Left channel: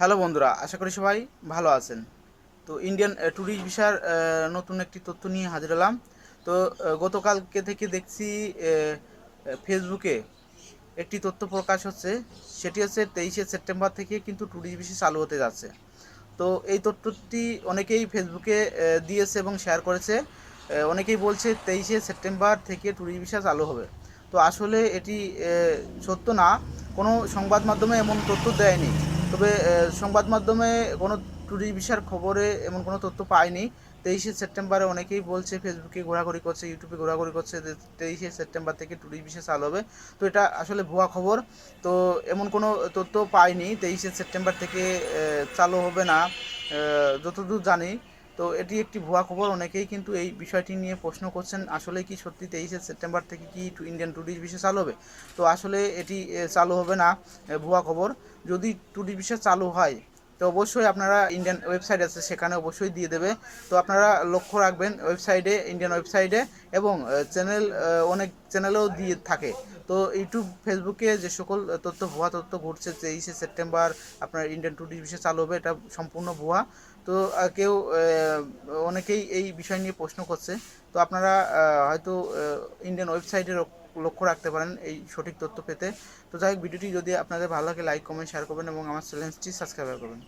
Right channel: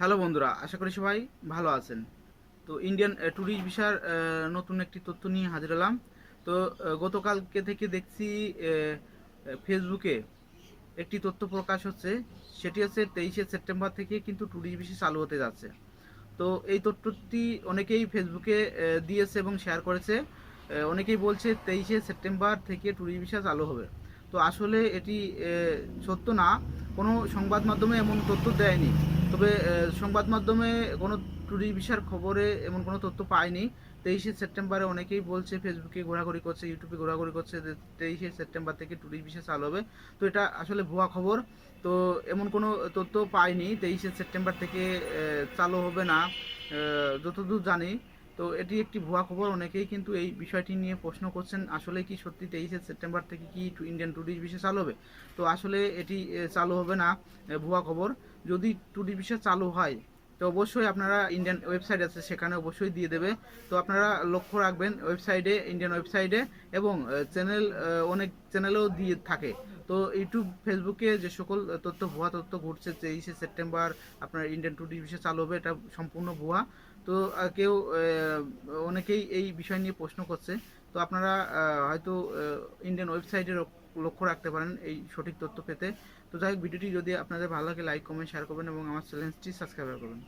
Hello বন্ধুরা, আশা করি সবাই ভালো আছেন। তো ইন্ডিয়ান ট্যুরিস্ট ভিসার নতুন একটি তথ্য নিয়ে হাজির হলাম। তো গতকালকে থেকে দেখছি ফেসবুকে একটি তথ্য প্রকাশ হচ্ছে। সেটি হচ্ছে 23শে সেপ্টেম্বর থেকে কিন্তু ট্যুরিস্ট ভিসা চালু হতে যাচ্ছে। তো এই তথ্যটি অনেকেই ফেসবুকে দিয়েছে এবং শেয়ার করেছে। অনেকেই বলছে 23শে সেপ্টেম্বর থেকে ট্যুরিস্ট ভিসা চালু হবে। তো আসলে এটি সত্য না, কোনো সংবাদ মাধ্যমে এমন তথ্য দেয়নি। তবে সংবাদ মাধ্যমে কোনো ট্যুরিস্ট ভিসার খবরে এমন কোনো তথ্য পাইনি। 23শে সেপ্টেম্বরে অনেকেই বলছে, ফেসবুকে ঘোরাঘুরি করছে, ইউটিউবে ঘোরাঘুরি করছে যে 23শে সেপ্টেম্বর থেকে ট্যুরিস্ট ভিসা চালু হবে। তো এটা আসলে ভুয়া খবর। তো এমন কোনো তথ্য পাইনি 23শে সেপ্টেম্বর থেকে চালু হবে না, যতদূর জানি। তো এটি একটি ভুয়া খবর। অনেকেই কিন্তু এই বিষয়টি নিয়ে প্রশ্ন করছেন, আসলে কি সত্যি 23শে সেপ্টেম্বর থেকে কি ইন্ডিয়ান ট্যুরিস্ট ভিসা চালু হবে? তো আসলে এটি চালু হবে না, ভুয়া খবর। যদি ট্যুরিস্ট ভিসা চালু হয় তো অবশ্যই আপনারা, ইন্ডিয়ান ওয়েবসাইট আছে সেখানে অবশ্যই দিয়ে দেবে। তো আপনারা লক্ষ্য রাখবেন ওয়েবসাইটে, ইন্ডিয়ান ওয়েবসাইটে, এবং চ্যানেল, অনেক চ্যানেলেও দিয়ে থাকে। তো ইউটিউব, ফেসবুকে যে সকল তথ্য, ভুয়া তথ্য ঘুরছে 23শে সেপ্টেম্বর আপনার ইন্ডিয়ান ট্যুরিস্ট ভিসা চালু হবে, এটা সম্পূর্ণ ভুয়া। তো কেউ অনেকেই এই বিষয় নিয়ে প্রশ্ন করছে। তো আপনারা হয়তো ইন্ডিয়ান ওয়েবসাইটে লক্ষ্য রাখতে পারেন এই সঠিক তথ্য পেতে। তো যাই হোক, ভিডিওটি যদি আপনাদের ভালো লাগে লাইক কমেন্ট শেয়ার করবেন এবং আমার চ্যানেলটি সাবস্ক্রাইব করবেন।